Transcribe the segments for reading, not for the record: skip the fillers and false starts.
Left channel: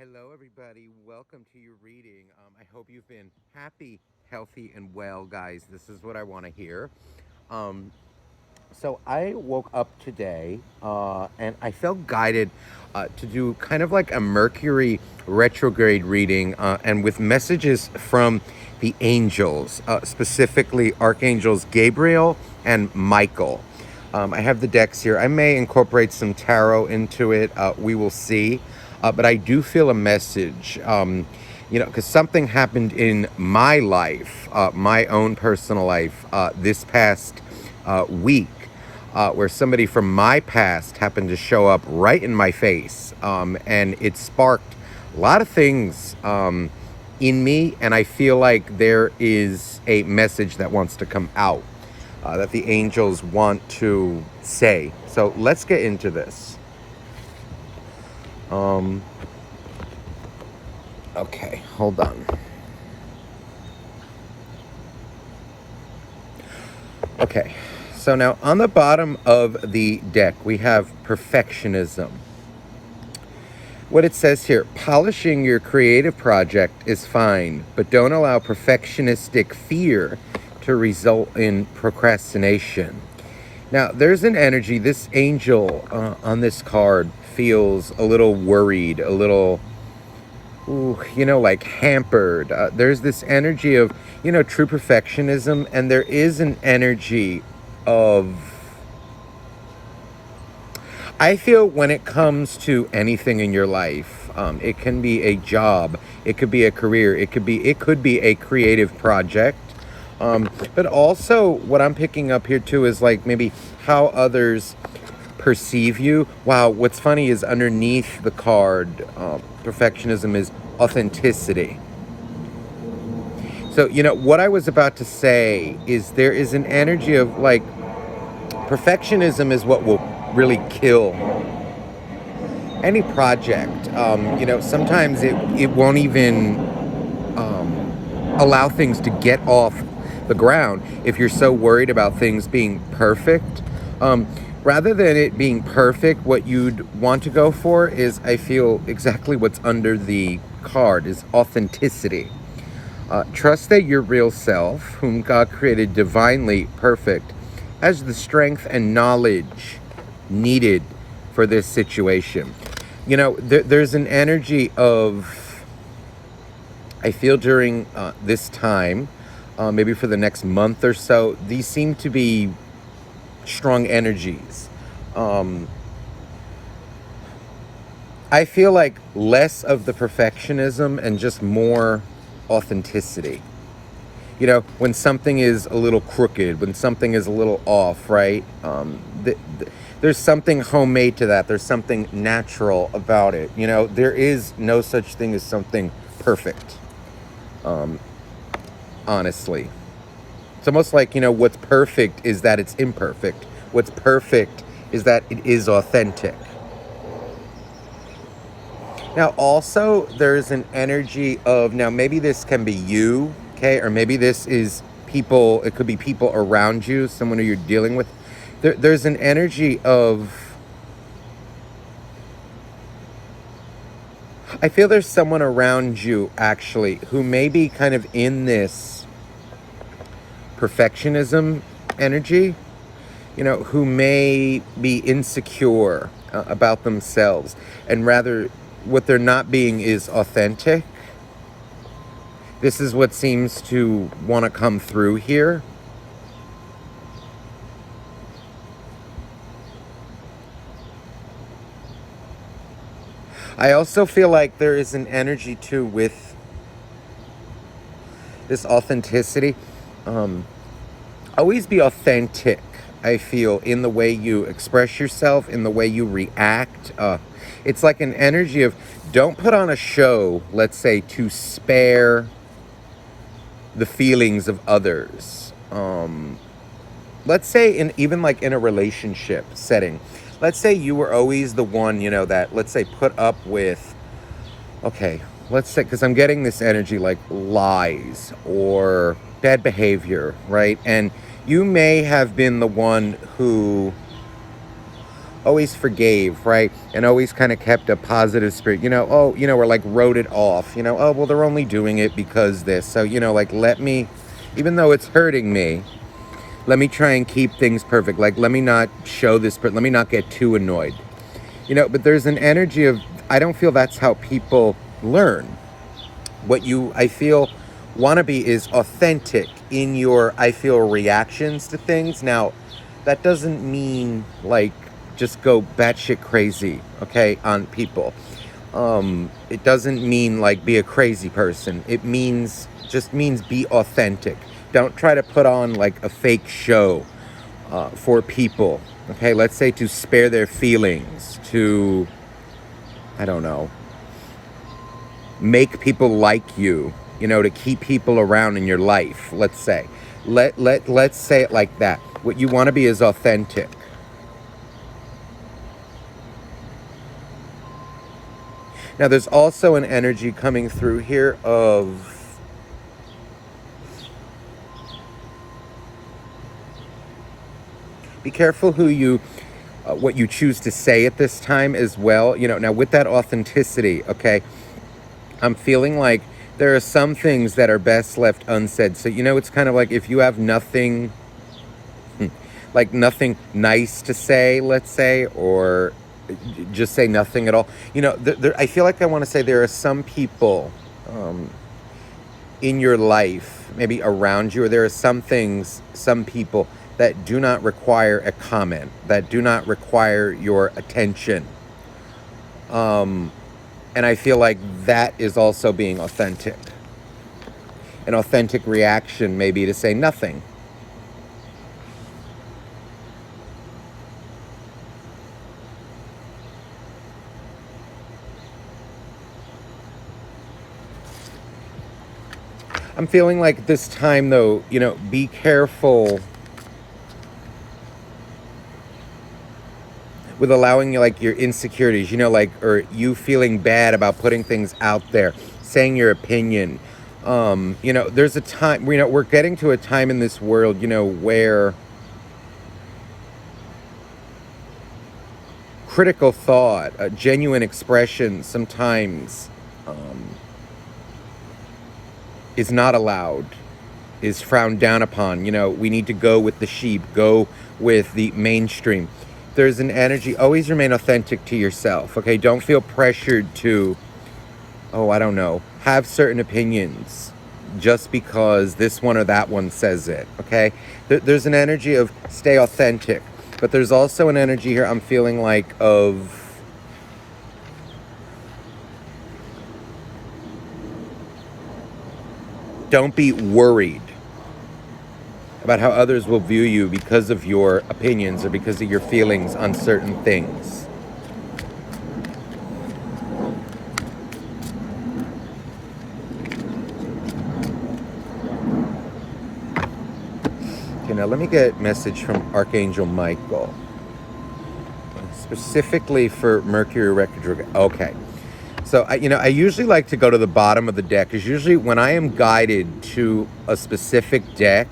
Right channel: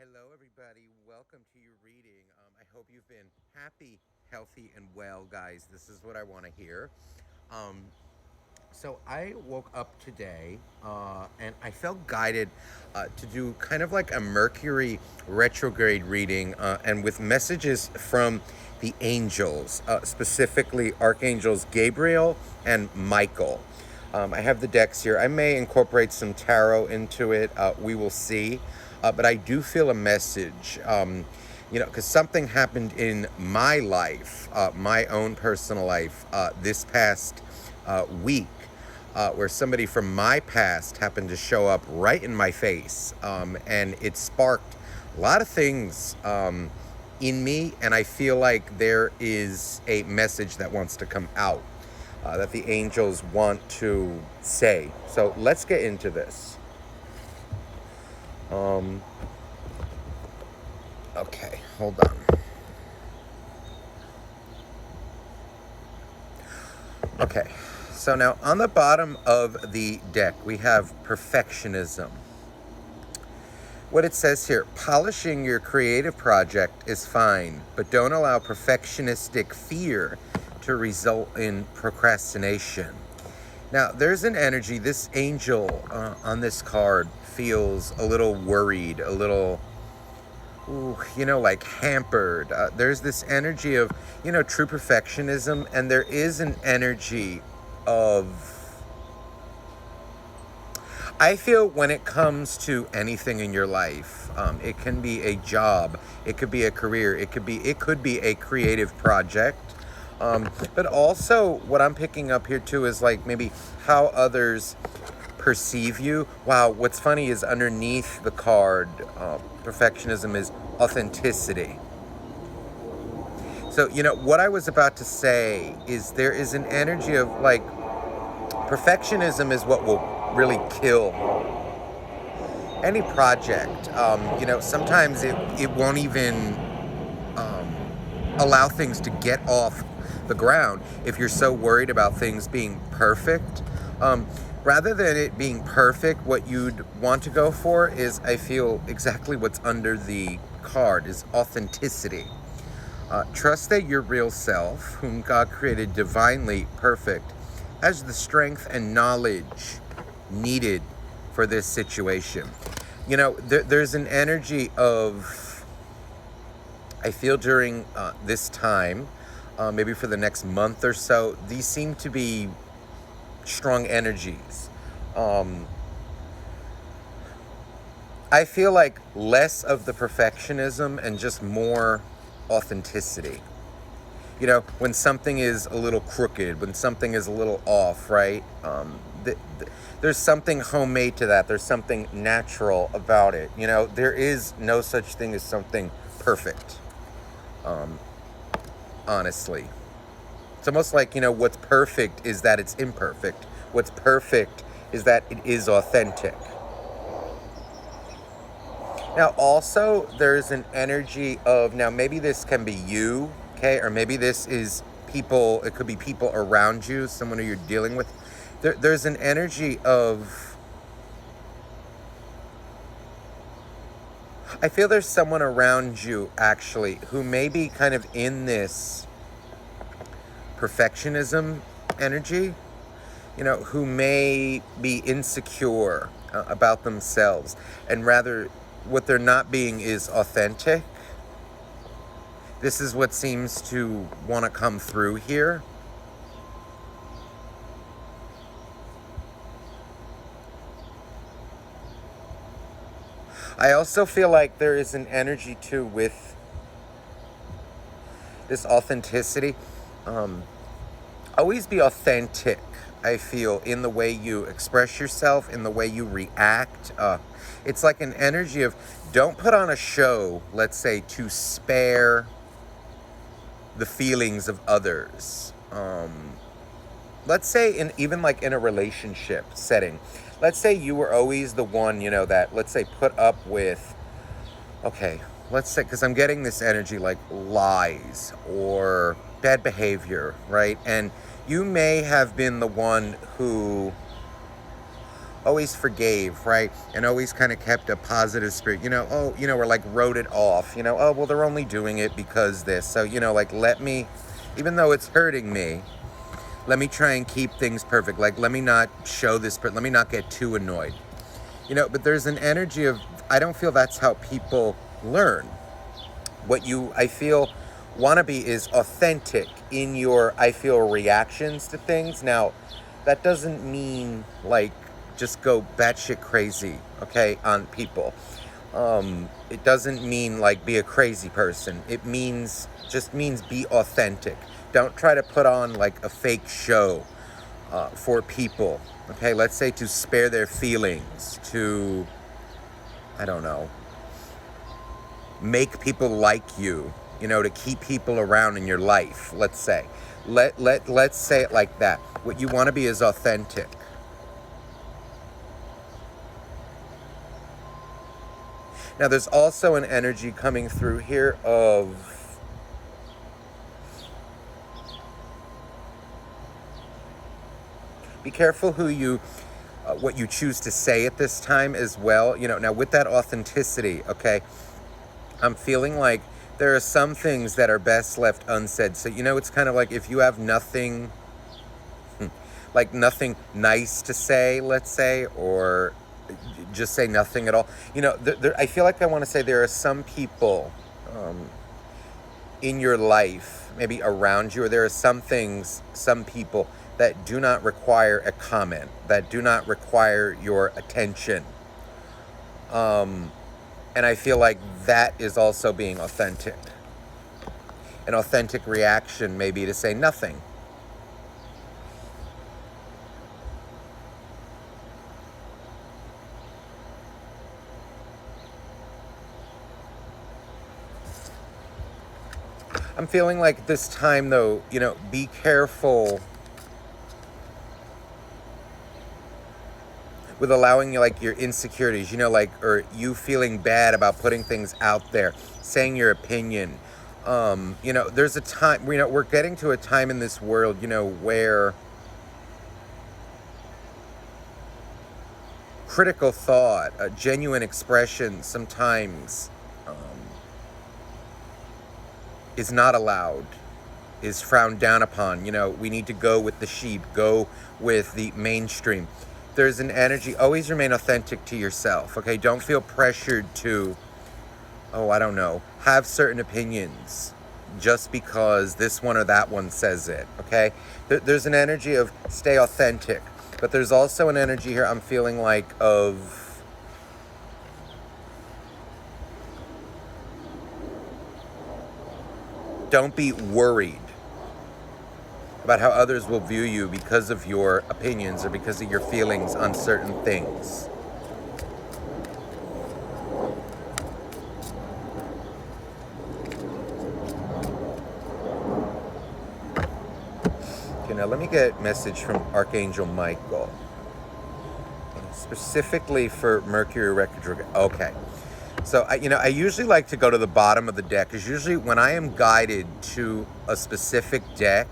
Hello, everybody. Welcome to your reading. I hope you've been happy, healthy, and well, guys. This is what I want to hear. Um, so I woke up today and I felt guided to do kind of like a Mercury retrograde reading and with messages from the angels, specifically Archangels Gabriel and Michael. I have the decks here. I may incorporate some tarot into it. We will see. But I do feel a message, because something happened in my life, my own personal life, this past week, where somebody from my past happened to show up right in my face. And it sparked a lot of things in me. And I feel like there is a message that wants to come out, that the angels want to say. So let's get into this. Okay, hold on. Okay, so now on the bottom of the deck, we have perfectionism. What it says here, polishing your creative project is fine, but don't allow perfectionistic fear to result in procrastination. Now, there's an energy, this angel on this card feels a little worried, a little, like hampered. There's this energy of, true perfectionism, and there is an energy of, I feel when it comes to anything in your life, it can be a job, it could be a career, it could be a creative project. But also what I'm picking up here too is like maybe how others perceive you. Wow, what's funny is underneath the card, perfectionism is authenticity. So, what I was about to say is there is an energy of like, perfectionism is what will really kill any project. Sometimes it won't even allow things to get off the ground if you're so worried about things being perfect. Rather than it being perfect, what you'd want to go for is, I feel, exactly what's under the card is authenticity. Trust that your real self, whom God created divinely perfect, has the strength and knowledge needed for this situation. There's an energy of, I feel during this time, maybe for the next month or so, these seem to be strong energies. I feel like less of the perfectionism and just more authenticity. When something is a little crooked, when something is a little off, right? There's something homemade to that. There's something natural about it. There is no such thing as something perfect. Honestly, it's almost like, what's perfect is that it's imperfect. What's perfect is that it is authentic. Now, also, there's an energy of, now maybe this can be you, okay, or maybe this is people, it could be people around you, someone who you're dealing with. There's an energy of, I feel there's someone around you, actually, who may be kind of in this perfectionism energy, who may be insecure about themselves, and rather what they're not being is authentic. This is what seems to want to come through here. I also feel like there is an energy too with this authenticity. Always be authentic, I feel, in the way you express yourself, in the way you react. It's like an energy of, don't put on a show, let's say, to spare the feelings of others. Let's say even like in a relationship setting, let's say you were always the one, that, let's say, put up with, okay, let's say, because I'm getting this energy like lies or bad behavior, right? And you may have been the one who, always forgave, right? And always kind of kept a positive spirit, or like wrote it off, oh, well, they're only doing it because this. So, like, let me, even though it's hurting me, let me try and keep things perfect. Like, let me not show this, but let me not get too annoyed. But there's an energy of, I don't feel that's how people learn. What you, I feel, want to be is authentic in your, I feel, reactions to things. Now, that doesn't mean, like, just go batshit crazy, okay, on people. It doesn't mean, like, be a crazy person. It just means be authentic. Don't try to put on, like, a fake show for people, okay? Let's say to spare their feelings, to, I don't know, make people like you, to keep people around in your life, let's say. Let's say it like that. What you want to be is authentic. Now, there's also an energy coming through here of be careful who you, what you choose to say at this time as well. Now with that authenticity, okay, I'm feeling like there are some things that are best left unsaid. So, it's kind of like if you have nothing, like nothing nice to say, let's say, or just say nothing at all. I feel like I want to say there are some people in your life, maybe around you, or there are some things, some people that do not require a comment, that do not require your attention. And I feel like that is also being authentic. An authentic reaction may be to say nothing. I'm feeling like this time, though, be careful with allowing, like, your insecurities, or you feeling bad about putting things out there, saying your opinion. There's a time, we're getting to a time in this world, where critical thought, genuine expression sometimes is not allowed, is frowned down upon. We need to go with the sheep, go with the mainstream. There's an energy, always remain authentic to yourself, okay? Don't feel pressured to, I don't know, have certain opinions just because this one or that one says it, okay? There's an energy of stay authentic, but there's also an energy here I'm feeling like of don't be worried about how others will view you because of your opinions or because of your feelings on certain things. Okay, now let me get a message from Archangel Michael. Specifically for Mercury Retrograde. Okay. So, I usually like to go to the bottom of the deck, because usually when I am guided to a specific deck,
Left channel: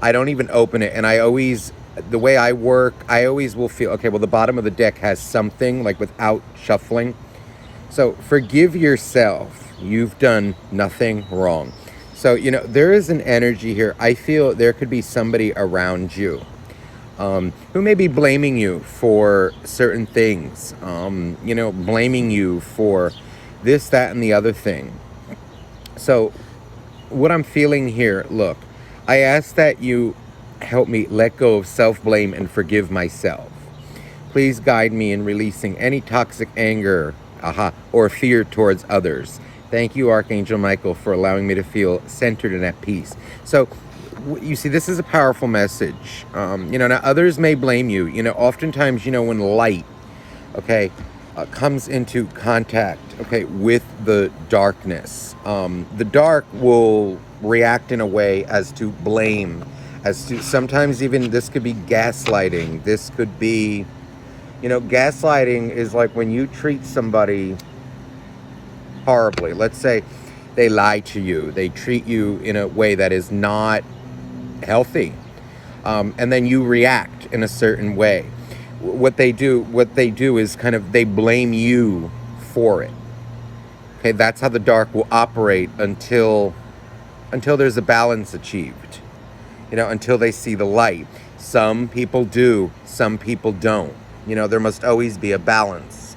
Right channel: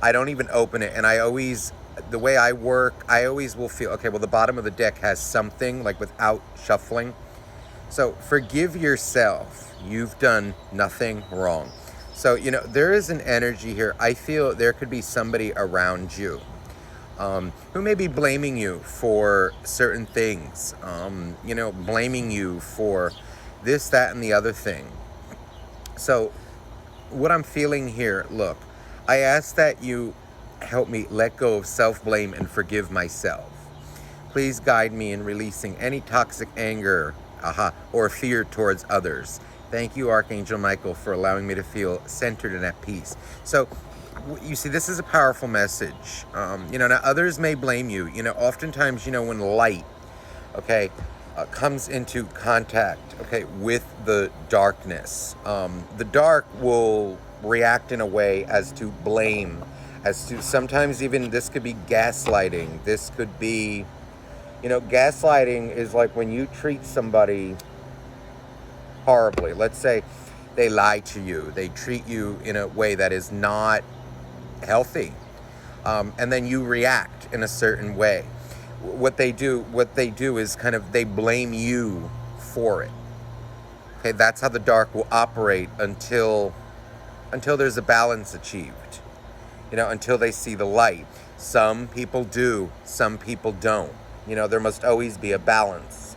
I don't even open it, and the way I work, I always will feel, okay, well, the bottom of the deck has something, like, without shuffling. So forgive yourself. You've done nothing wrong. So, there is an energy here. I feel there could be somebody around you who may be blaming you for certain things, blaming you for this, that, and the other thing. So what I'm feeling here, look, I ask that you help me let go of self-blame and forgive myself. Please guide me in releasing any toxic anger, or fear towards others. Thank you, Archangel Michael, for allowing me to feel centered and at peace. So, you see, this is a powerful message. Now others may blame you. Oftentimes, when light, okay, comes into contact, okay, with the darkness, the dark will react in a way as to blame, as to sometimes even this could be gaslighting. This could be, gaslighting is like when you treat somebody horribly. Let's say they lie to you, they treat you in a way that is not healthy, and then you react in a certain way. what they do is kind of they blame you for it. Okay, that's how the dark will operate until there's a balance achieved. Until they see the light. Some people do, some people don't. There must always be a balance.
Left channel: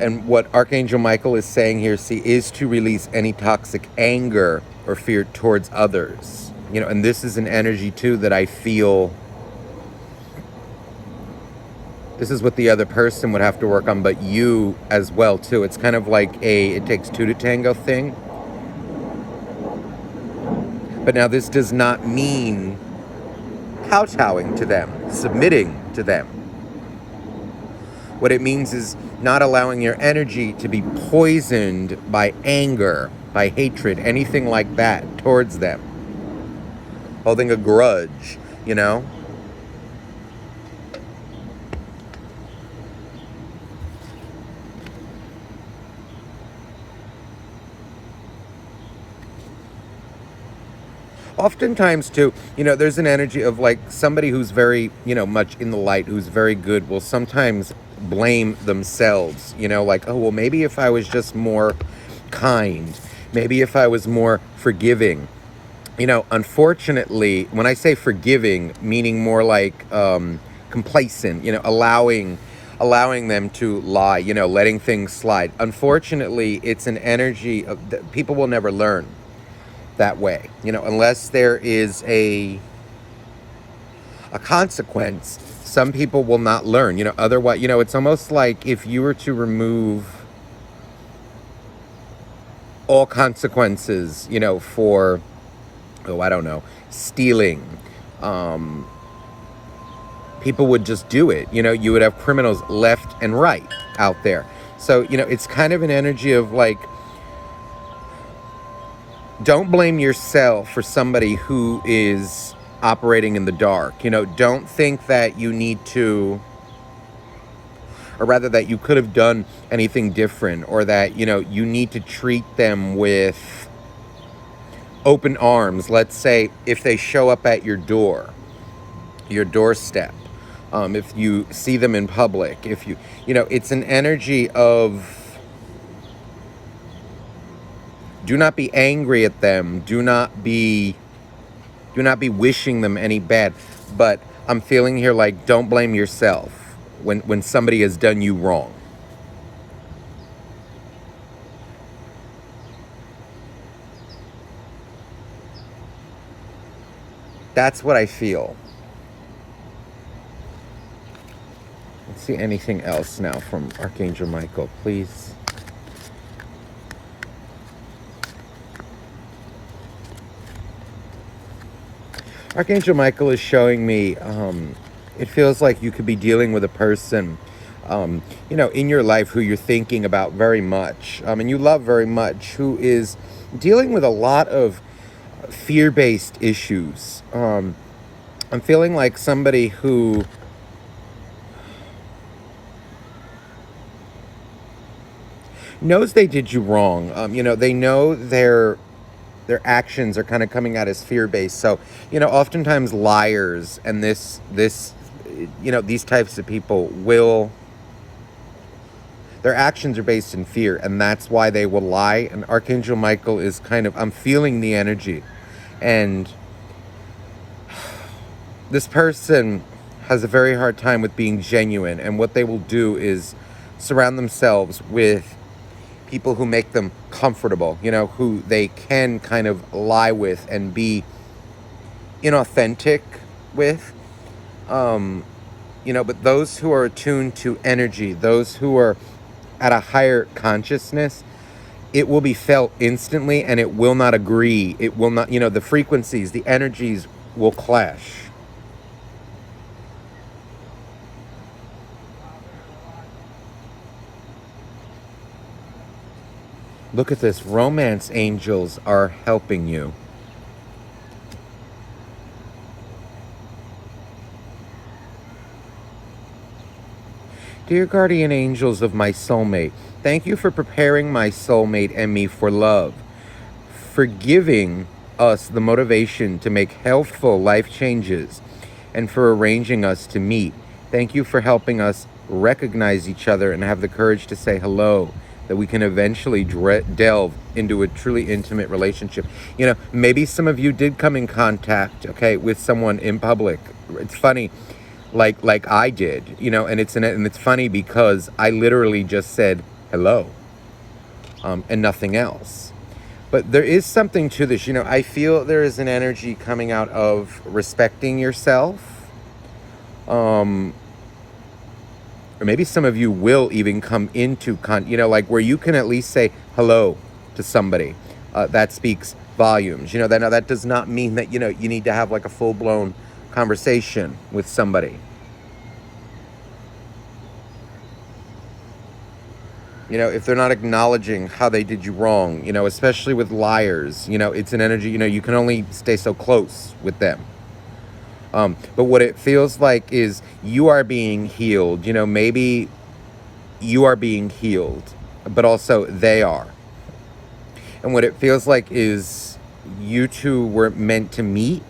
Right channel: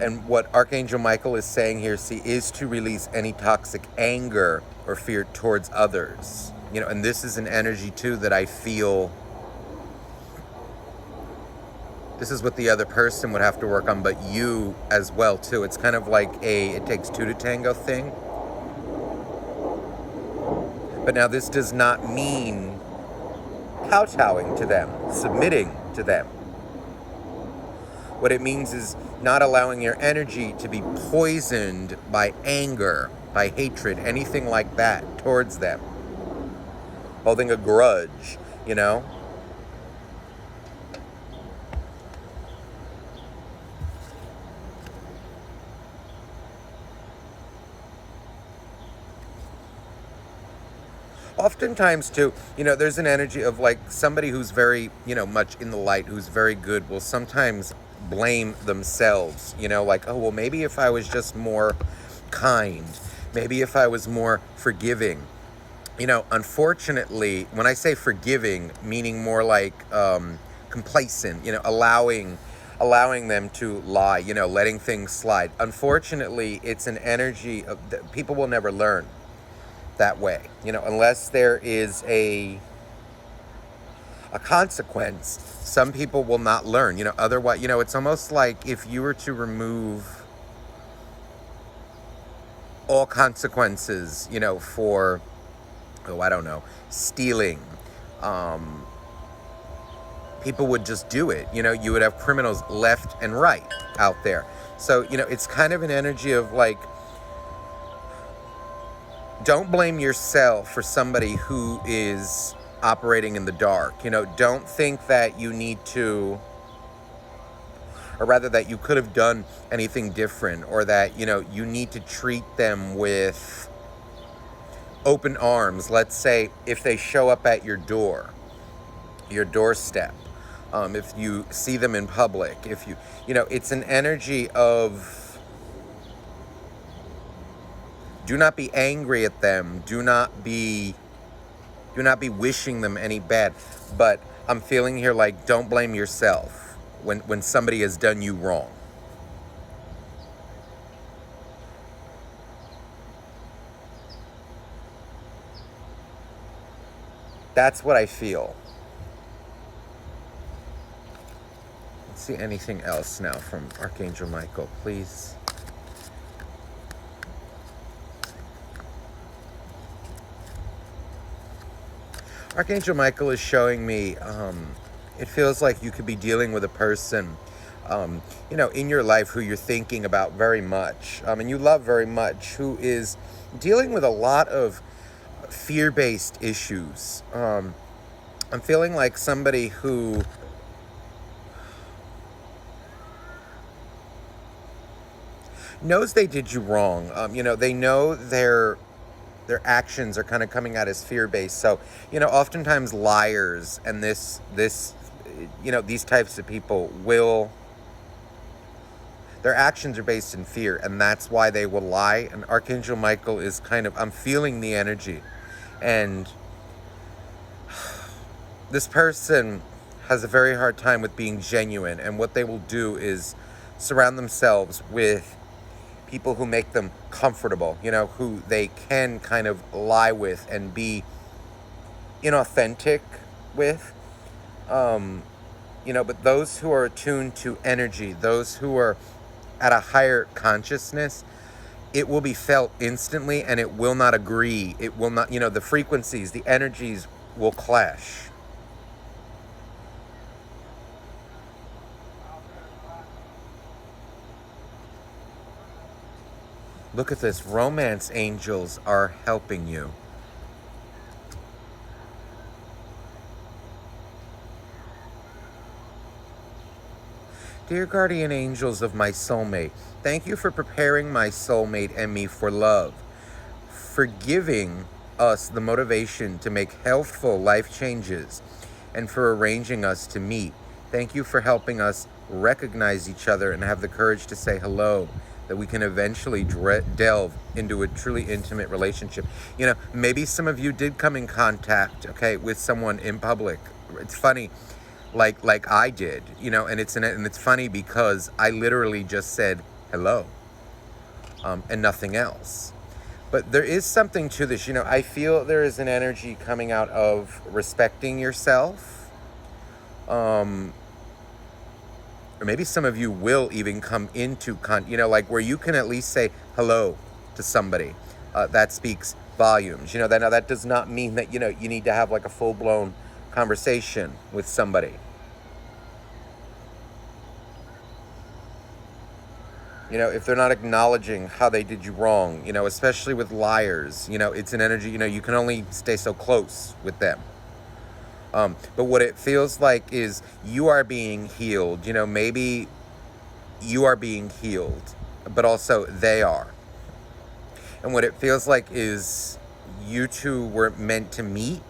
And what Archangel Michael is saying here, see, is to release any toxic anger or fear towards others. And this is an energy too that I feel this is what the other person would have to work on, but you as well too. It's kind of like it takes two to tango thing. But now this does not mean kowtowing to them, submitting to them. What it means is not allowing your energy to be poisoned by anger, by hatred, anything like that towards them. Holding a grudge, Oftentimes too, there's an energy of like somebody who's very, much in the light, who's very good, will sometimes blame themselves, like, oh, well, maybe if I was just more kind, maybe if I was more forgiving. Unfortunately, when I say forgiving, meaning more like complacent, allowing them to lie, letting things slide. Unfortunately, it's an energy of people will never learn that way, unless there is a consequence. Some people will not learn, otherwise, it's almost like if you were to remove all consequences, for, I don't know, stealing, people would just do it. You would have criminals left and right out there. So, it's kind of an energy of like, don't blame yourself for somebody who is operating in the dark. Don't think that you need to, or rather that you could have done anything different, or that, you need to treat them with open arms. Let's say if they show up at your doorstep, if you see them in public, if it's an energy of, do not be angry at them. Do not be wishing them any bad. But I'm feeling here like, don't blame yourself when somebody has done you wrong. That's what I feel. Let's see anything else now from Archangel Michael, please. Archangel Michael is showing me, it feels like you could be dealing with a person, in your life who you're thinking about very much, and you love very much, who is dealing with a lot of fear-based issues. I'm feeling like somebody who knows they did you wrong. They know their actions are kind of coming out as fear-based. So, oftentimes liars and these types of people their actions are based in fear, and that's why they will lie. And Archangel Michael is I'm feeling the energy. And this person has a very hard time with being genuine. And what they will do is surround themselves with people who make them comfortable, who they can kind of lie with and be inauthentic with. But those who are attuned to energy, those who are at a higher consciousness, it will be felt instantly, and it will not agree. It will not, the frequencies, the energies will clash. Look at this. Romance angels are helping you. Dear guardian angels of my soulmate, thank you for preparing my soulmate and me for love, for giving us the motivation to make healthful life changes, and for arranging us to meet. Thank you for helping us recognize each other and have the courage to say hello, that we can eventually delve into a truly intimate relationship. You know, maybe some of you did come in contact, okay, with someone in public. It's funny, like I did, you know, and it's funny because I literally just said hello, and nothing else. But there is something to this, you know. I feel there is an energy coming out of respecting yourself. Or maybe some of you will even come into, you know, like where you can at least say hello to somebody. That speaks volumes. You know, that does not mean that, you know, you need to have like a full-blown conversation with somebody. You know, if they're not acknowledging how they did you wrong, you know, especially with liars, you know, it's an energy, you know, you can only stay so close with them. But what it feels like is you are being healed. You know, maybe you are being healed, but also they are. And what it feels like is you two were meant to meet.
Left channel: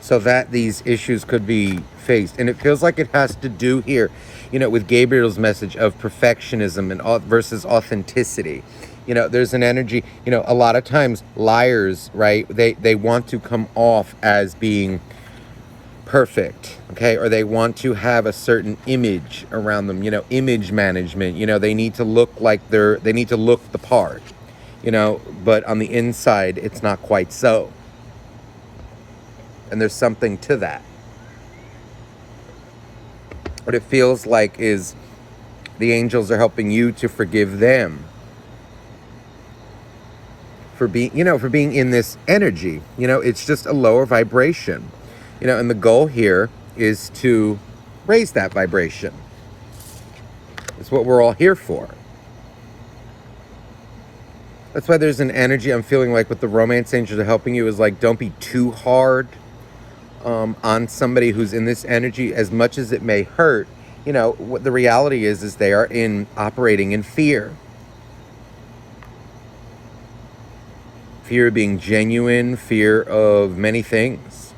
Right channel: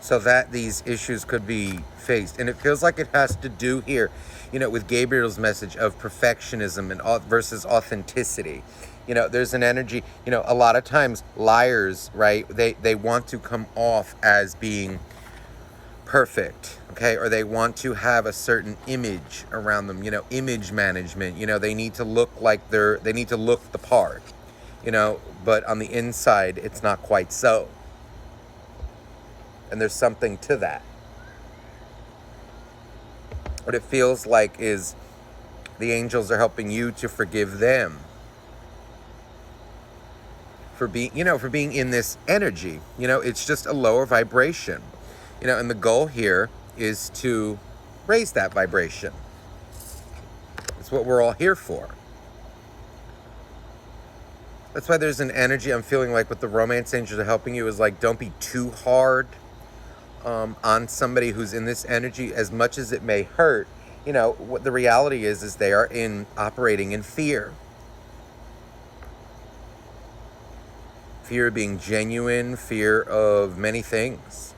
So that these issues could be faced. And it feels like it has to do here, you know, with Gabriel's message of perfectionism and versus authenticity. You know, there's an energy, you know, a lot of times liars, right, they want to come off as being perfect, okay, or they want to have a certain image around them, you know, image management. You know, they need to look like they need to look the part, you know, but on the inside it's not quite so. And there's something to that. What it feels like is the angels are helping you to forgive them for being, you know, for being in this energy. You know, it's just a lower vibration, you know, and the goal here is to raise that vibration. That's what we're all here for. That's why there's an energy I'm feeling like with the romance angels are helping you is like, don't be too hard on somebody who's in this energy, as much as it may hurt. You know, what the reality is they are operating in fear. Fear of being genuine, fear of many things.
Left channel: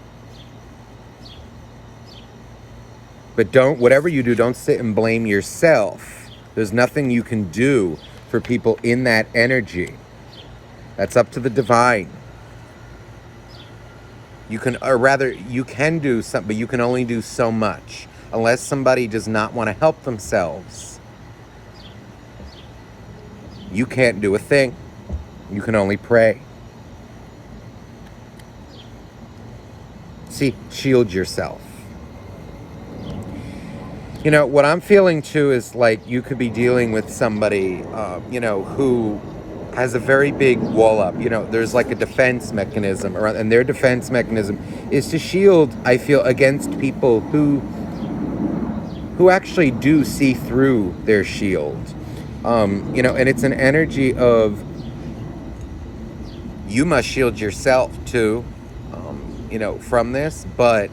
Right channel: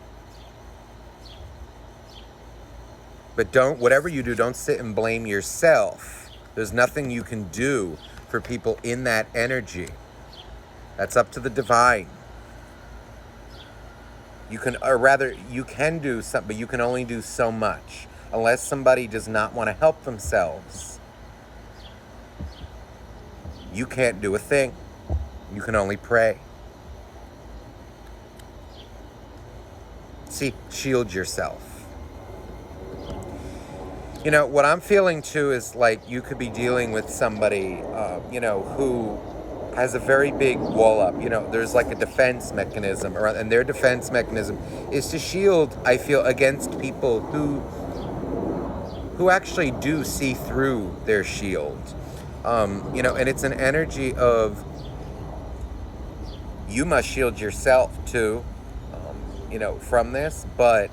But whatever you do, don't sit and blame yourself. There's nothing you can do for people in that energy. That's up to the divine. You can, or rather, you can do something, but you can only do so much. Unless somebody does not want to help themselves, you can't do a thing. You can only pray. See, shield yourself. You know, what I'm feeling too is like you could be dealing with somebody, you know, who has a very big wall up. You know, there's like a defense mechanism around, and their defense mechanism is to shield, I feel, against people who actually do see through their shield. You know, and it's an energy of you must shield yourself too, you know, from this, but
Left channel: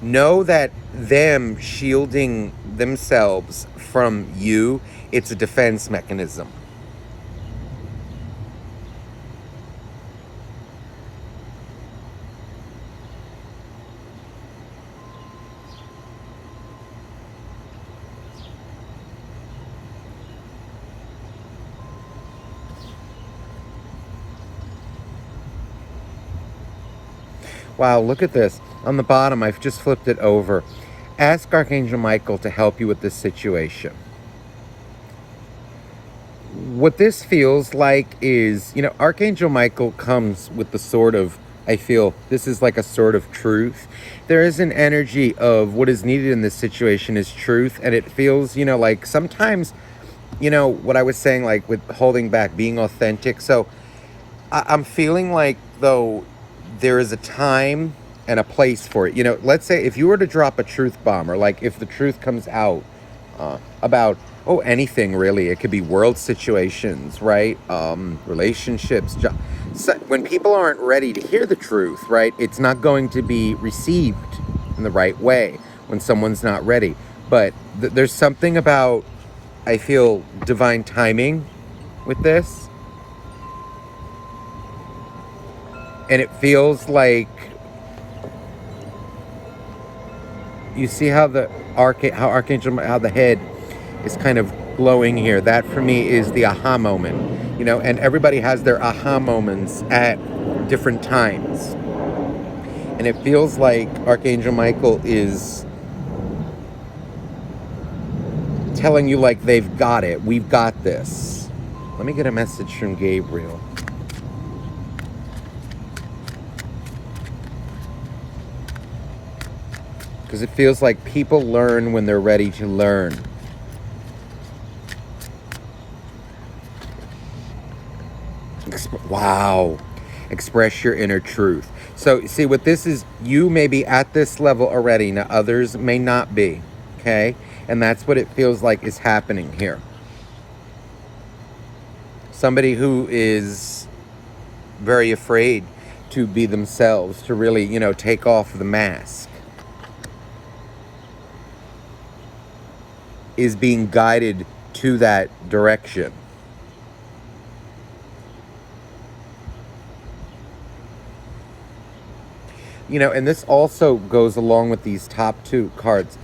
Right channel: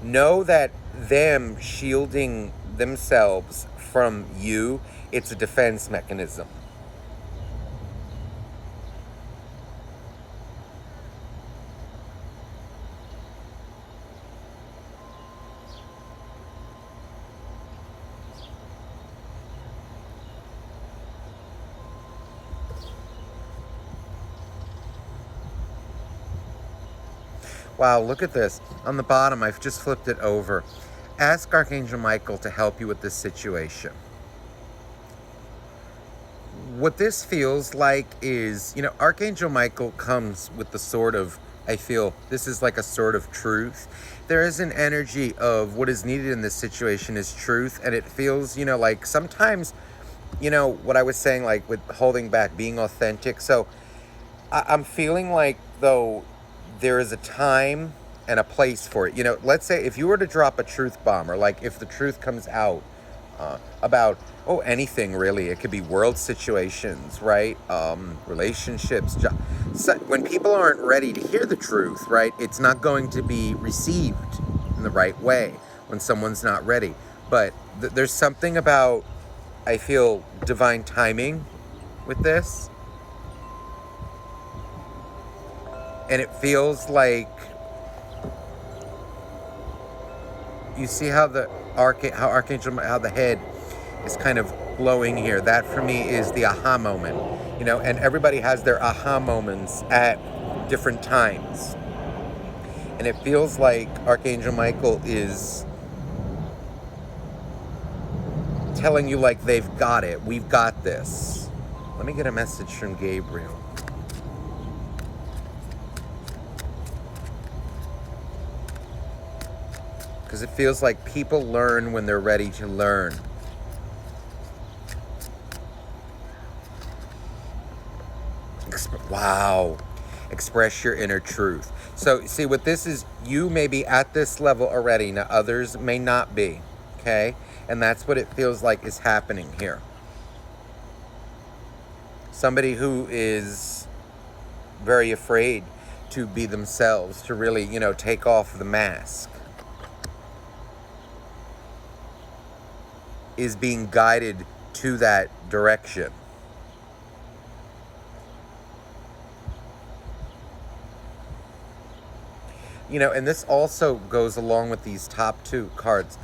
know that them shielding themselves from you, it's a defense mechanism. Wow, look at this. On the bottom, I've just flipped it over. Ask Archangel Michael to help you with this situation. What this feels like is, you know, Archangel Michael comes with the sword of, I feel, this is like a sword of truth. There is an energy of what is needed in this situation is truth, and it feels, you know, like sometimes, you know, what I was saying, like with holding back, being authentic. So I'm feeling like, though, there is a time and a place for it. You know, let's say if you were to drop a truth bomb, or like if the truth comes out about, anything really, it could be world situations, right? Relationships. So when people aren't ready to hear the truth, right, it's not going to be received in the right way. when someone's not ready. But there's something about, I feel, divine timing with this. And it feels like, you see how the how the head is kind of glowing here. That for me is the aha moment, you know, and everybody has their aha moments at different times. And it feels like Archangel Michael is telling you, like, they've got it. We've got this. Let me get a message from Gabriel. Because it feels like people learn when they're ready to learn. Wow. Express your inner truth. So, see, what this is, you may be at this level already. Now, others may not be. Okay? And that's what it feels like is happening here. Somebody who is very afraid to be themselves, to really, you know, take off the mask, is being guided to that direction. You know, and this also goes along with these top two cards.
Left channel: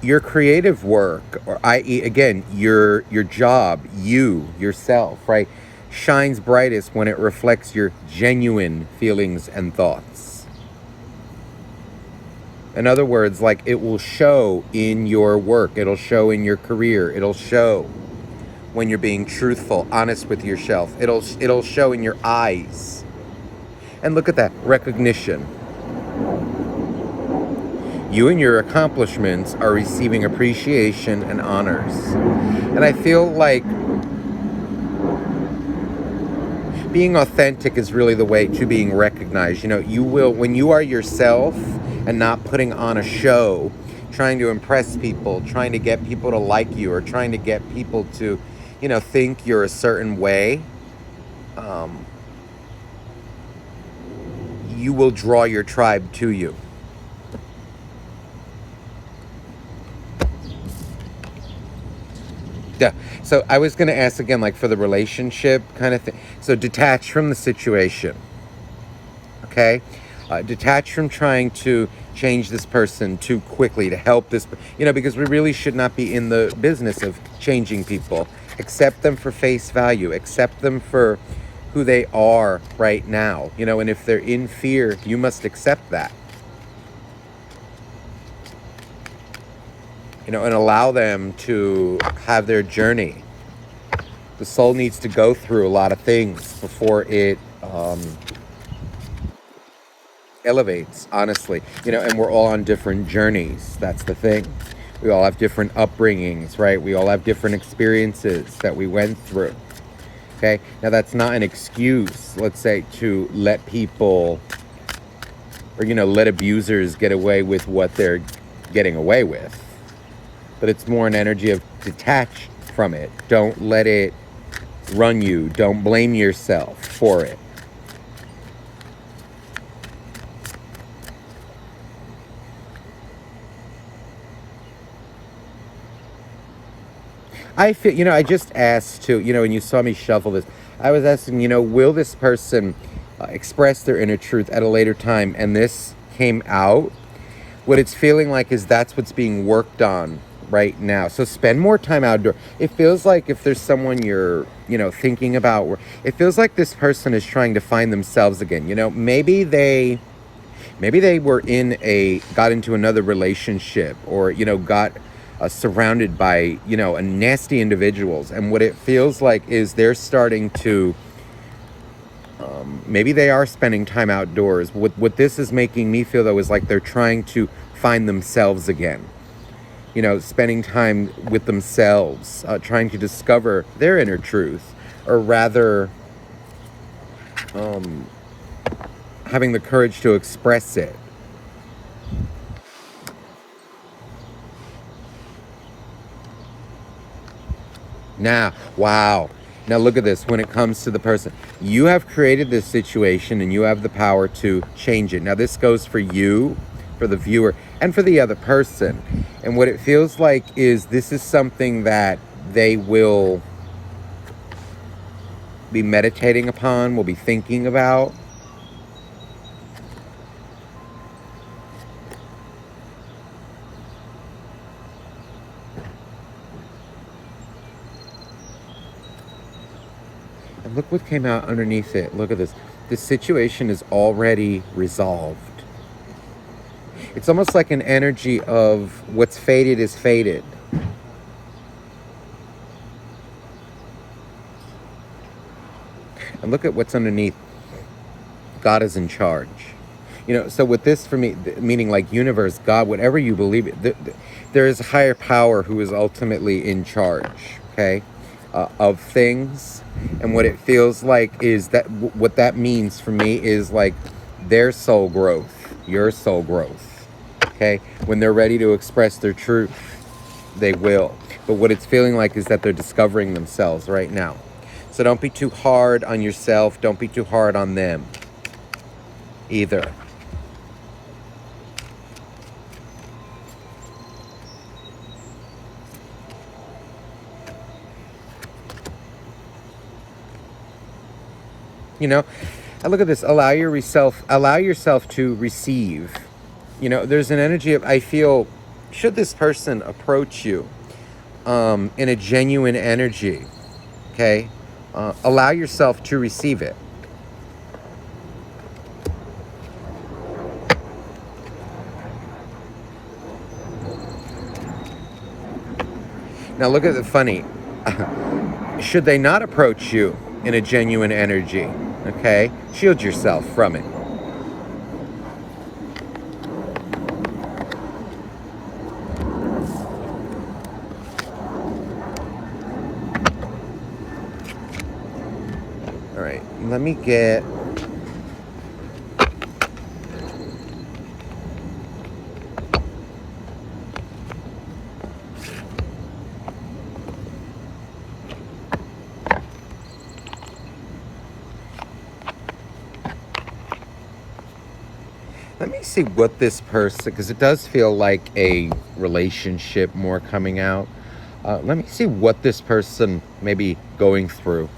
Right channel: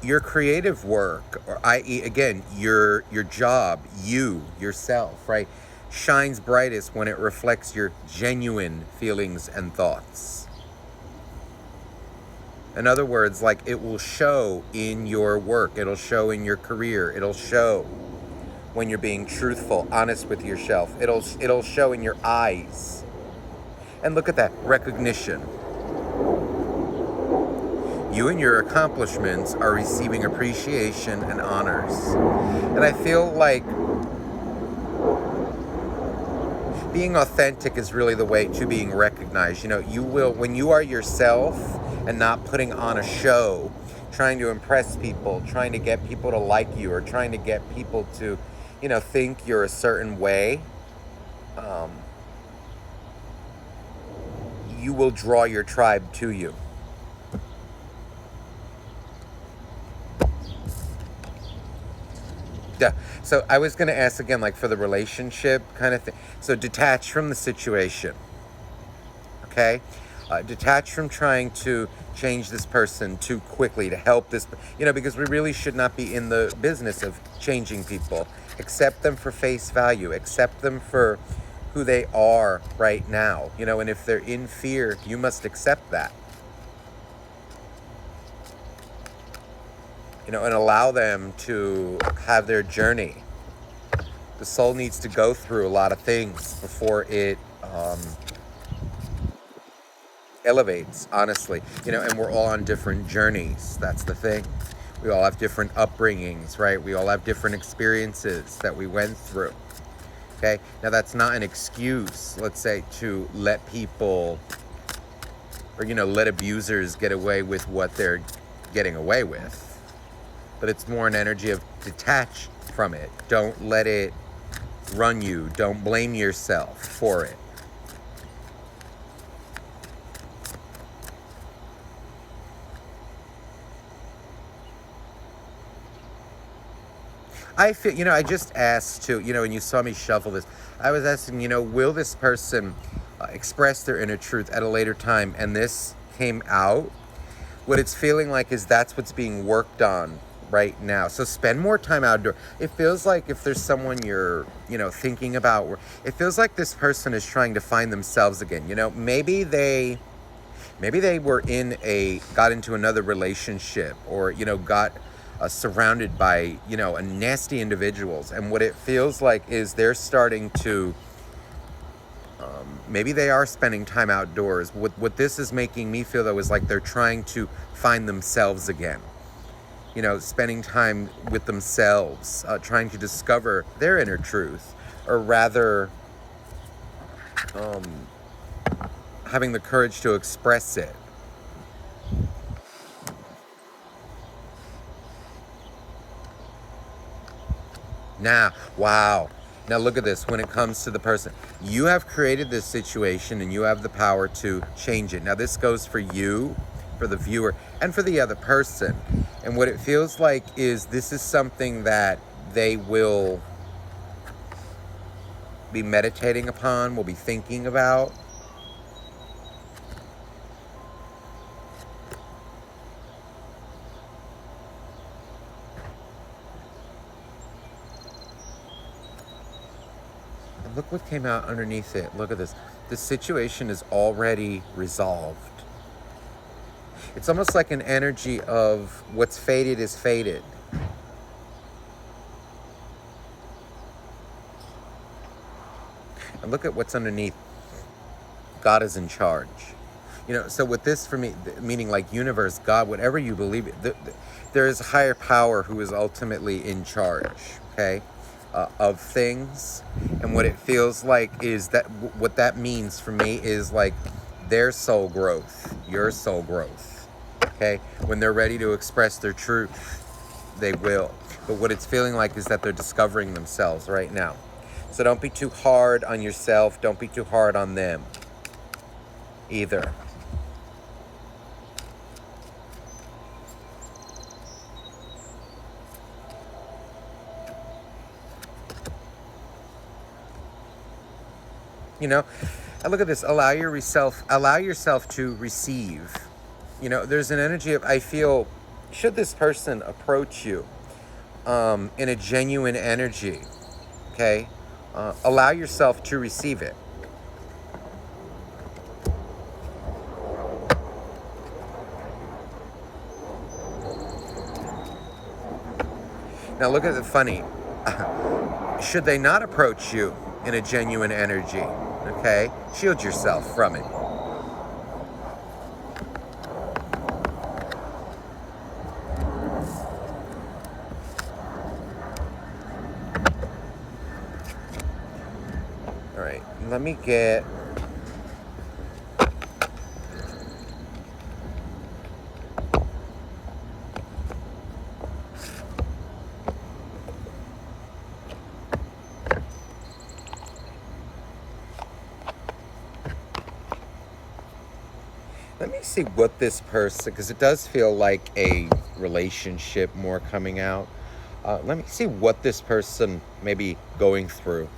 Your creative work, or i.e., again, your job, you, yourself, right, shines brightest when it reflects your genuine feelings and thoughts. In other words, like, it will show in your work, it'll show in your career, it'll show when you're being truthful, honest with yourself. It'll show in your eyes. And look at that, recognition. You and your accomplishments are receiving appreciation and honors. And I feel like being authentic is really the way to being recognized. You know, you will, when you are yourself and not putting on a show, trying to impress people, trying to get people to like you, or trying to get people to, you know, think you're a certain way, you will draw your tribe to you. Yeah. So I was going to ask again, like, for the relationship kind of thing. So detach from the situation. Okay? Detach from trying to change this person too quickly to help this, you know, because we really should not be in the business of changing people. Accept them for face value. Accept them for who they are right now, you know, and if they're in fear, you must accept that, you know, and allow them to have their journey. The soul needs to go through a lot of things before it elevates, honestly, you know, and we're all on different journeys. That's the thing. We all have different upbringings, right? We all have different experiences that we went through. Okay, now that's not an excuse, let's say, to let people, or, you know, let abusers get away with what they're getting away with. But it's more an energy of detach from it. Don't let it run you. Don't blame yourself for it. I feel, you know, I just asked too, you know, and you saw me shuffle this, I was asking, you know, will this person express their inner truth at a later time? And this came out. What it's feeling like is that's what's being worked on right now. So spend more time outdoor. It feels like if there's someone you're, you know, thinking about, it feels like this person is trying to find themselves again. You know, maybe they were got into another relationship, or, you know, got surrounded by, you know, nasty individuals, and what it feels like is they're starting to maybe they are spending time outdoors. What this is making me feel, though, is like they're trying to find themselves again, you know, spending time with themselves, trying to discover their inner truth, or rather having the courage to express it. Now, wow. Now look at this. When it comes to the person, you have created this situation and you have the power to change it. Now this goes for you, for the viewer and for the other person. And what it feels like is this is something that they will be meditating upon, will be thinking about. And look what came out underneath it. Look at this. This situation is already resolved. It's almost like an energy of what's fated is fated. And look at what's underneath. God is in charge. You know, so with this for me, meaning like universe, God, whatever you believe it, there is a higher power who is ultimately in charge, okay, of things. And what it feels like is that what that means for me is like their soul growth, your soul growth, okay? When they're ready to express their truth, they will. But what it's feeling like is that they're discovering themselves right now. So don't be too hard on yourself. Don't be too hard on them either. You know, and look at this. Allow yourself to receive. You know, there's an energy of, I feel, should this person approach you in a genuine energy, okay? Allow yourself to receive it. Now look at the funny. Should they not approach you in a genuine energy, okay? Shield yourself from it. All right, let me get... Let me see what this person, because it does feel like a relationship more coming out. Let me see what this person may be going through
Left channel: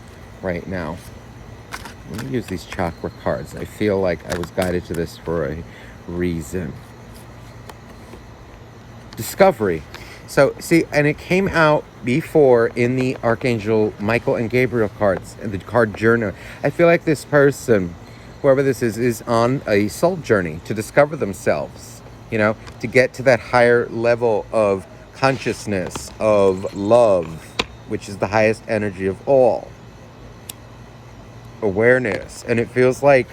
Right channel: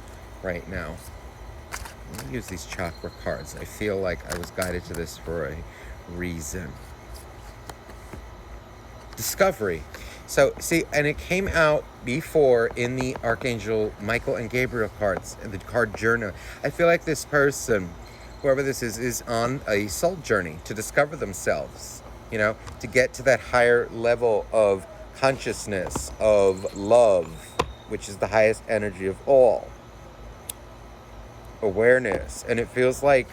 right now. Let me use these chakra cards. I feel like I was guided to this for a reason. Discovery. So, see, and it came out before in the Archangel Michael and Gabriel cards, and the card journal. I feel like this person, whoever this is on a soul journey to discover themselves, you know, to get to that higher level of consciousness, of love, which is the highest energy of all. Awareness. And it feels like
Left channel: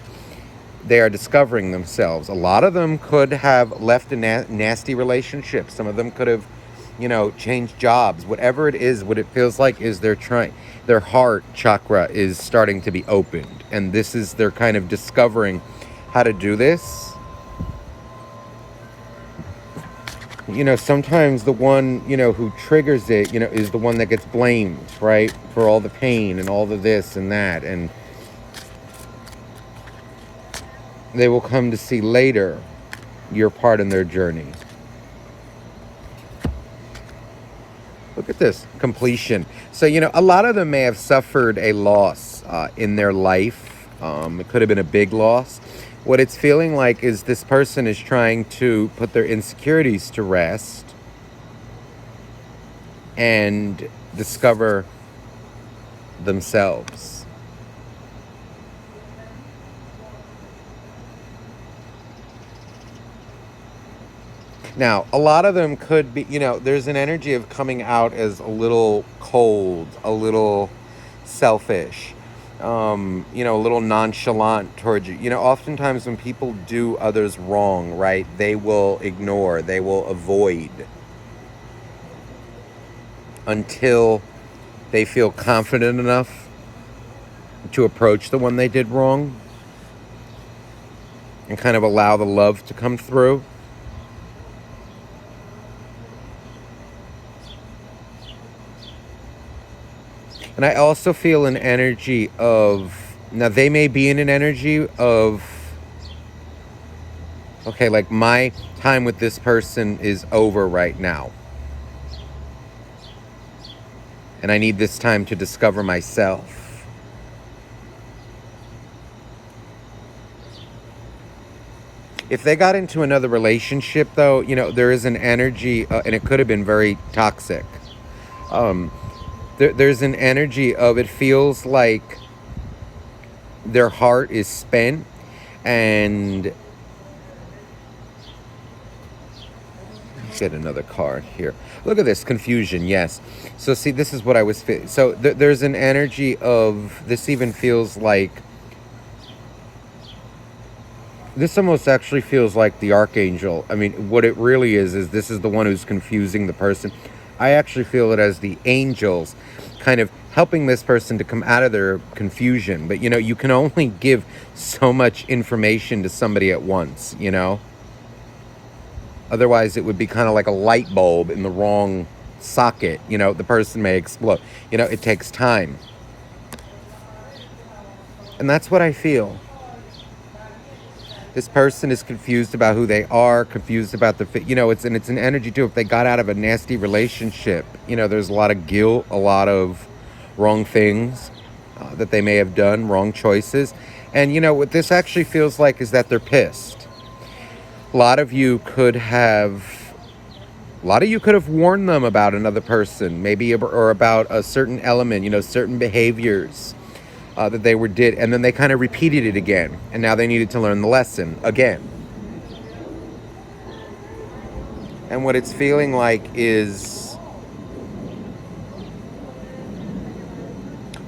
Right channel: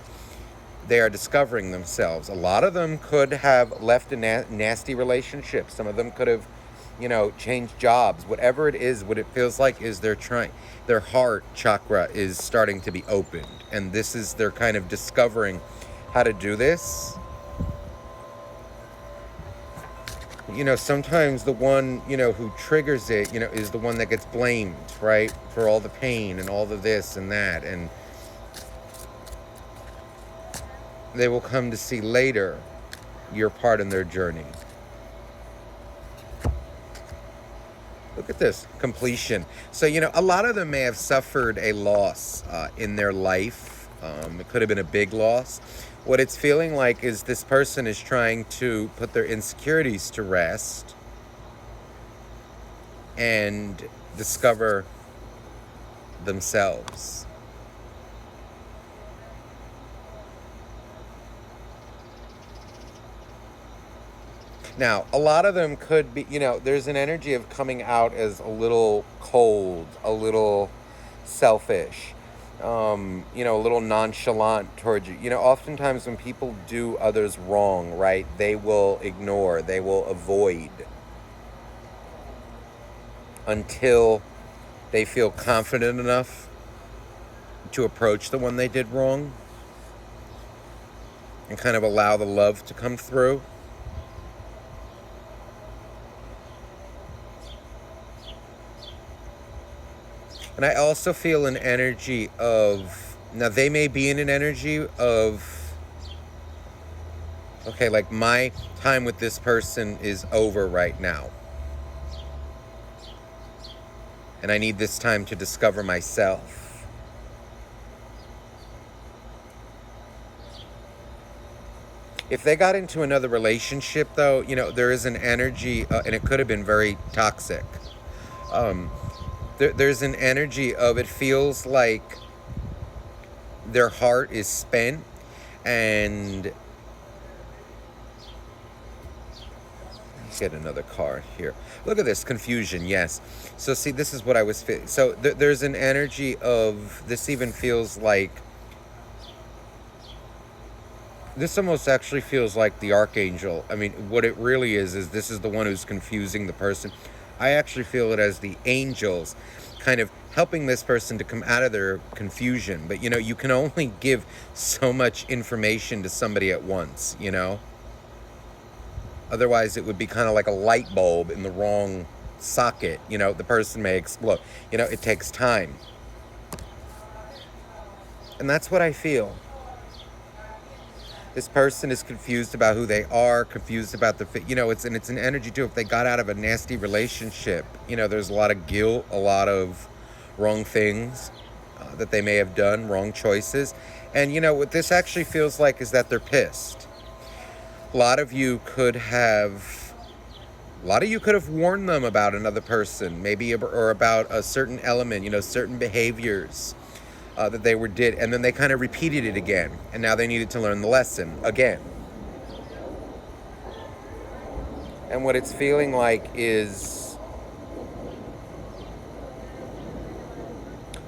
they are discovering themselves. A lot of them could have left a nasty relationship. Some of them could have, you know, changed jobs. Whatever it is, what it feels like is their heart chakra is starting to be opened. And this is, they're kind of discovering how to do this. You know, sometimes the one, you know, who triggers it, you know, is the one that gets blamed, right? For all the pain and all the this and that. And they will come to see later your part in their journey. Look at this, completion. So, you know, a lot of them may have suffered a loss in their life. It could have been a big loss. What it's feeling like is this person is trying to put their insecurities to rest and discover themselves. Now, a lot of them could be, you know, there's an energy of coming out as a little cold, a little selfish, you know, a little nonchalant towards you. You know, oftentimes when people do others wrong, right, they will ignore, they will avoid until they feel confident enough to approach the one they did wrong and kind of allow the love to come through. And I also feel an energy of, now they may be in an energy of Okay, like my time with this person is over right now. And I need this time to discover myself. If they got into another relationship, though, there is an energy, and it could have been very toxic. There's an energy of it feels like their heart is spent, and get another card here. Look at this confusion. Yes. So see, this is what I was feeling. So there's an energy of this. Even feels like this almost actually feels like the Archangel. I mean, what it really is this is the one who's confusing the person. I actually feel it as the angels kind of helping this person to come out of their confusion. But, you can only give so much information to somebody at once, Otherwise, it would be kind of like a light bulb in the wrong socket. The person may explode. It takes time. And that's what I feel. This person is confused about who they are, confused about it's an energy too. If they got out of a nasty relationship, there's a lot of guilt, a lot of wrong things that they may have done, wrong choices. And what this actually feels like is that they're pissed. A lot of you could have warned them about another person, maybe, or about a certain element, certain behaviors that they did, and then they kind of repeated it again, and now they needed to learn the lesson again. And what it's feeling like is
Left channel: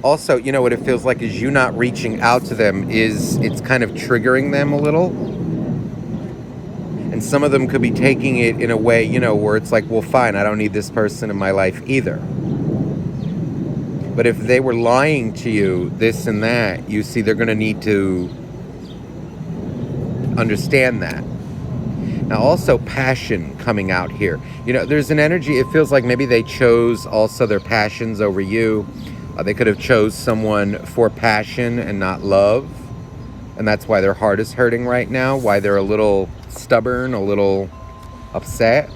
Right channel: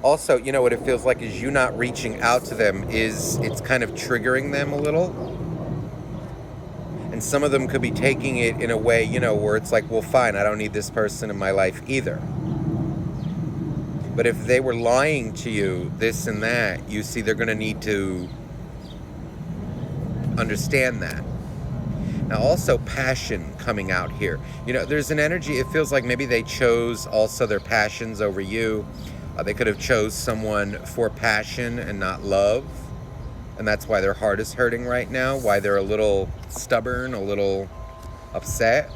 also, what it feels like is you not reaching out to them it's kind of triggering them a little. And some of them could be taking it in a way, where it's like, well, fine, I don't need this person in my life either. But if they were lying to you, this and that, you see, they're going to need to understand that. Now, also passion coming out here. There's an energy, it feels like maybe they chose also their passions over you. They could have chose someone for passion and not love. And that's why their heart is hurting right now, why they're a little stubborn, a little upset.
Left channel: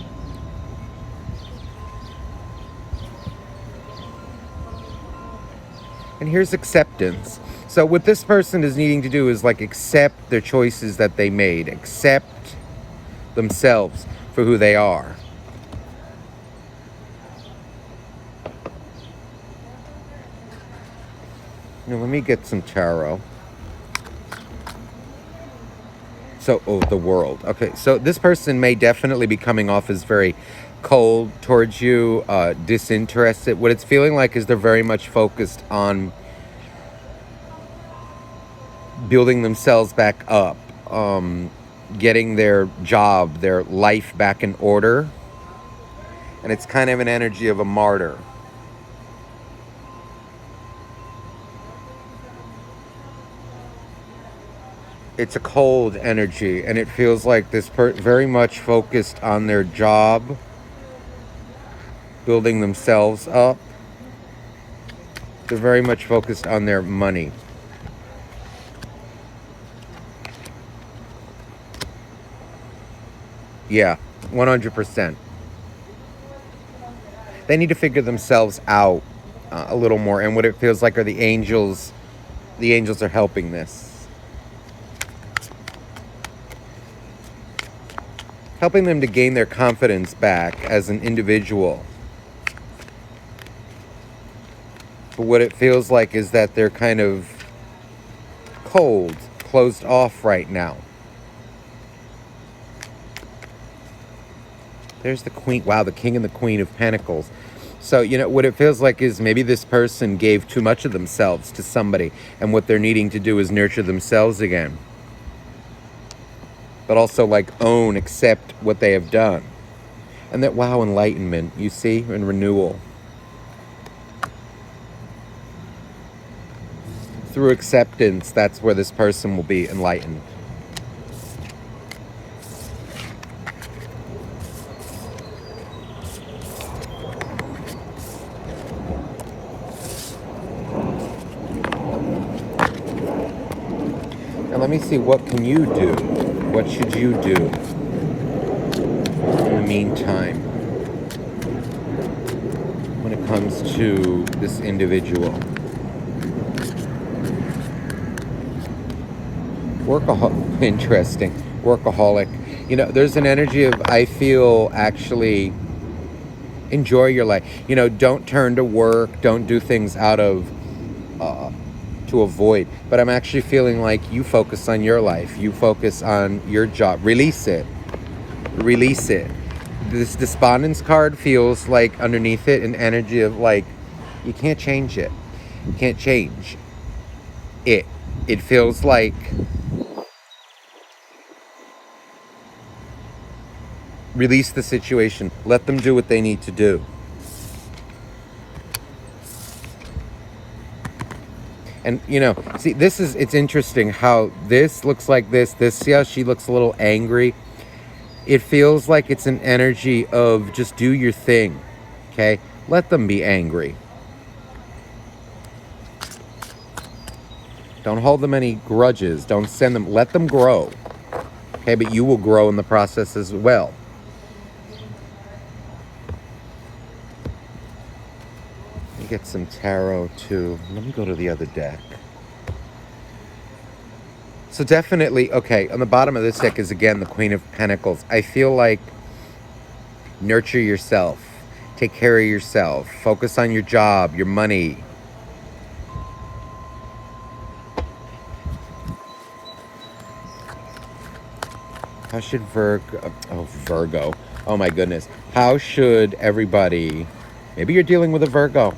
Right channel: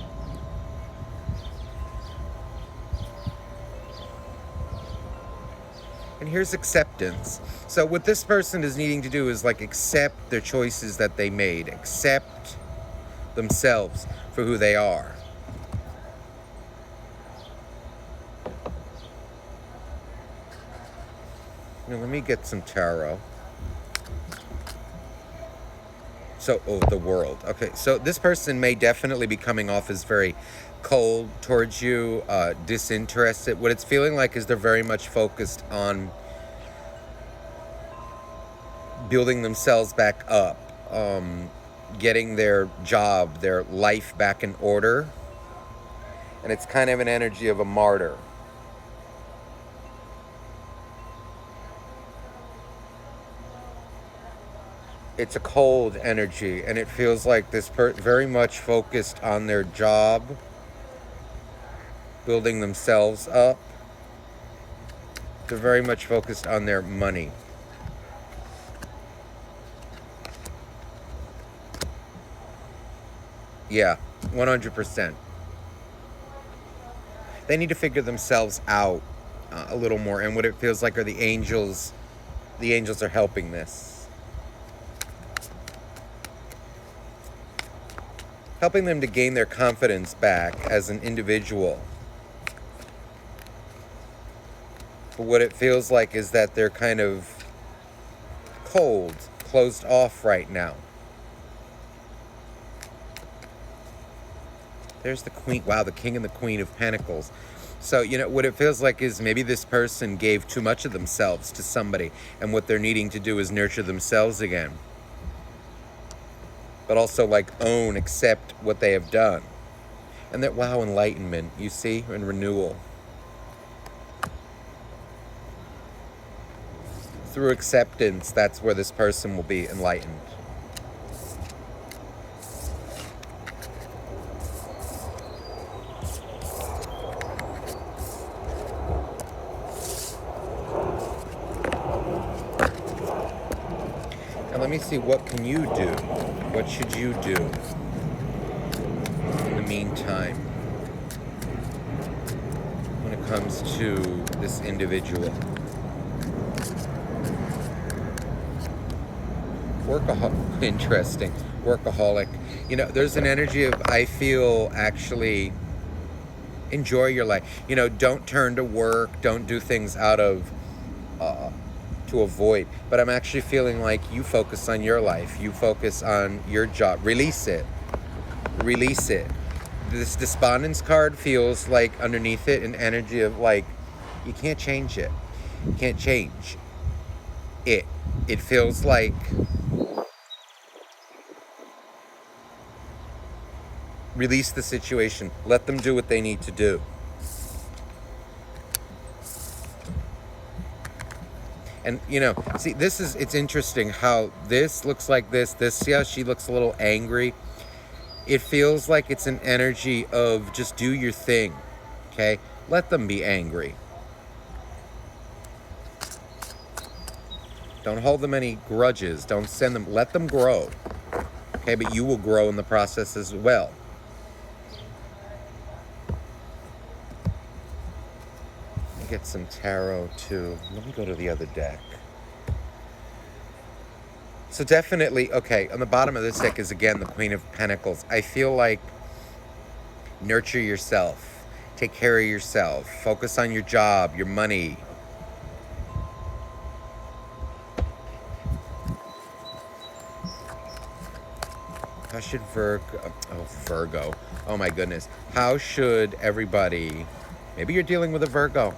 And here's acceptance. So what this person is needing to do is like accept their choices that they made, accept themselves for who they are. Now let me get some tarot. So, the world. Okay, so this person may definitely be coming off as very cold towards you, disinterested. What it's feeling like is they're very much focused on building themselves back up, getting their job, their life back in order. And it's kind of an energy of a martyr. It's a cold energy, and it feels like this very much focused on their job, building themselves up. They're very much focused on their money. Yeah, 100%. They need to figure themselves out a little more, and what it feels like are the angels. The angels are helping this. Helping them to gain their confidence back as an individual. But what it feels like is that they're kind of cold, closed off right now. There's the Queen. Wow, the King and the Queen of Pentacles. So, what it feels like is maybe this person gave too much of themselves to somebody, and what they're needing to do is nurture themselves again. But also accept what they have done. And that, wow, enlightenment, you see, and renewal. Through acceptance, that's where this person will be enlightened. And let me see, what can you do? What should you do in the meantime when it comes to this individual? Workaholic, interesting. Workaholic. You know, there's an energy of, I feel, actually enjoy your life. You know, don't turn to work, don't do things out of to avoid, but I'm actually feeling like you focus on your life, you focus on your job. Release it. This despondence card feels like underneath it an energy of like, you can't change it. You can't change it. It feels like release the situation. Let them do what they need to do. And, you know, see, it's interesting how this looks like this, yeah, she looks a little angry. It feels like it's an energy of just do your thing, okay? Let them be angry. Don't hold them any grudges. Don't send them, let them grow, okay? But you will grow in the process as well. Get some tarot too. Let me go to the other deck. So definitely, okay, on the bottom of this deck is again the Queen of Pentacles. I feel like nurture yourself, take care of yourself, focus on your job, your money. How should Virgo, oh my goodness. How should everybody, maybe you're dealing with a Virgo.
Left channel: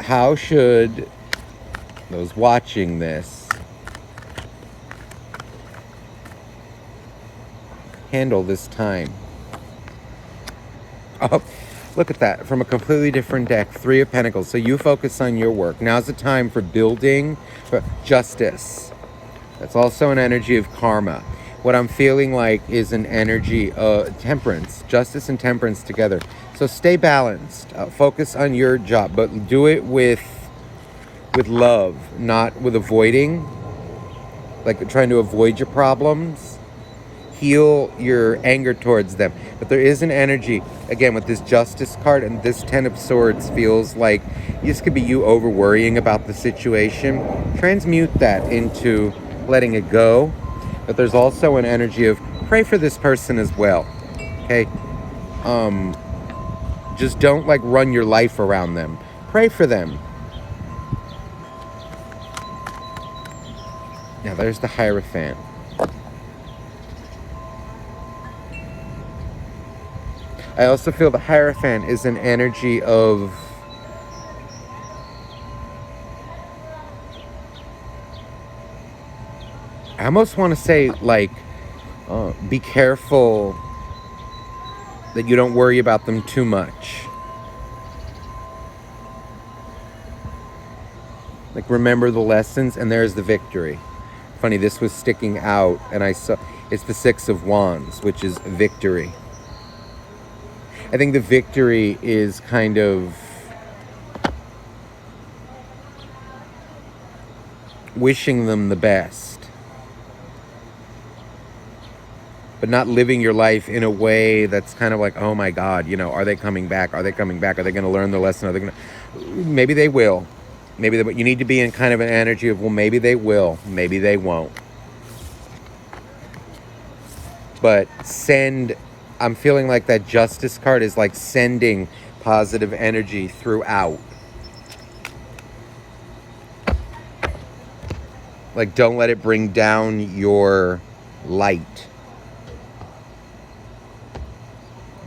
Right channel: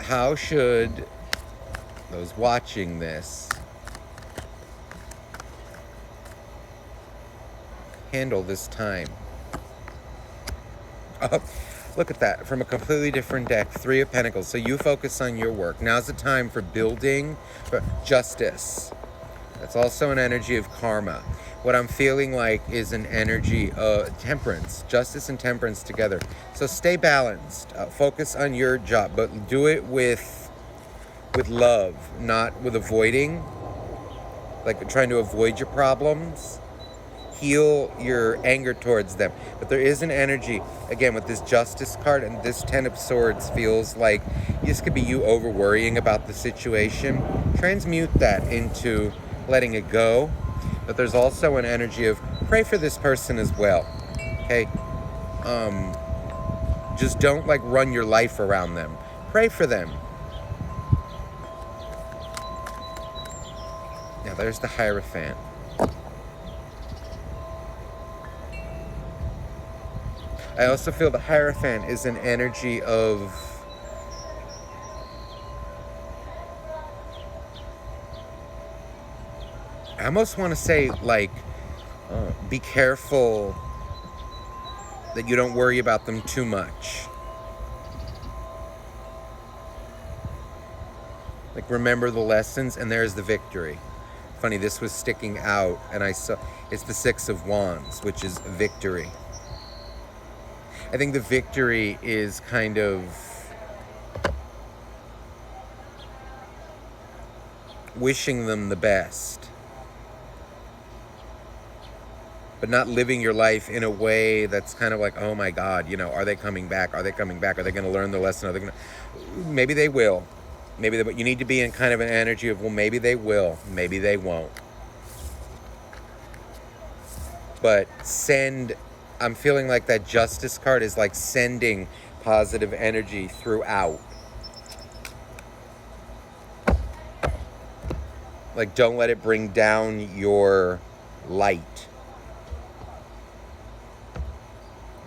How should those watching this handle this time? Oh, look at that. From a completely different deck, Three of Pentacles. So you focus on your work. Now's the time for building, for justice. That's also an energy of karma. What I'm feeling like is an energy of temperance, justice and temperance together. So stay balanced, focus on your job, but do it with love, not with avoiding, like trying to avoid your problems. Heal your anger towards them. But there is an energy, again, with this Justice card and this Ten of Swords feels like this could be you over worrying about the situation. Transmute that into letting it go. But there's also an energy of pray for this person as well, okay? Just don't like run your life around them. Pray for them. Now there's the Hierophant. I also feel the Hierophant is an energy of I almost want to say, like, be careful that you don't worry about them too much. Like, remember the lessons, and there's the victory. Funny, this was sticking out, and I saw, it's the Six of Wands, which is victory. I think the victory is kind of wishing them the best, but not living your life in a way that's kind of like, oh my God, you know, are they coming back? Are they coming back? Are they going to learn their lesson? Are they going to? Maybe they will. Maybe they, but you need to be in kind of an energy of, well, maybe they will, maybe they won't. But I'm feeling like that Justice card is like sending positive energy throughout. Like, don't let it bring down your light.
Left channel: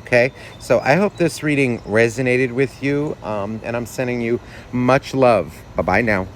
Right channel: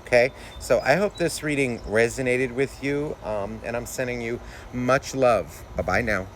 Okay, so I hope this reading resonated with you, and I'm sending you much love. Bye-bye now.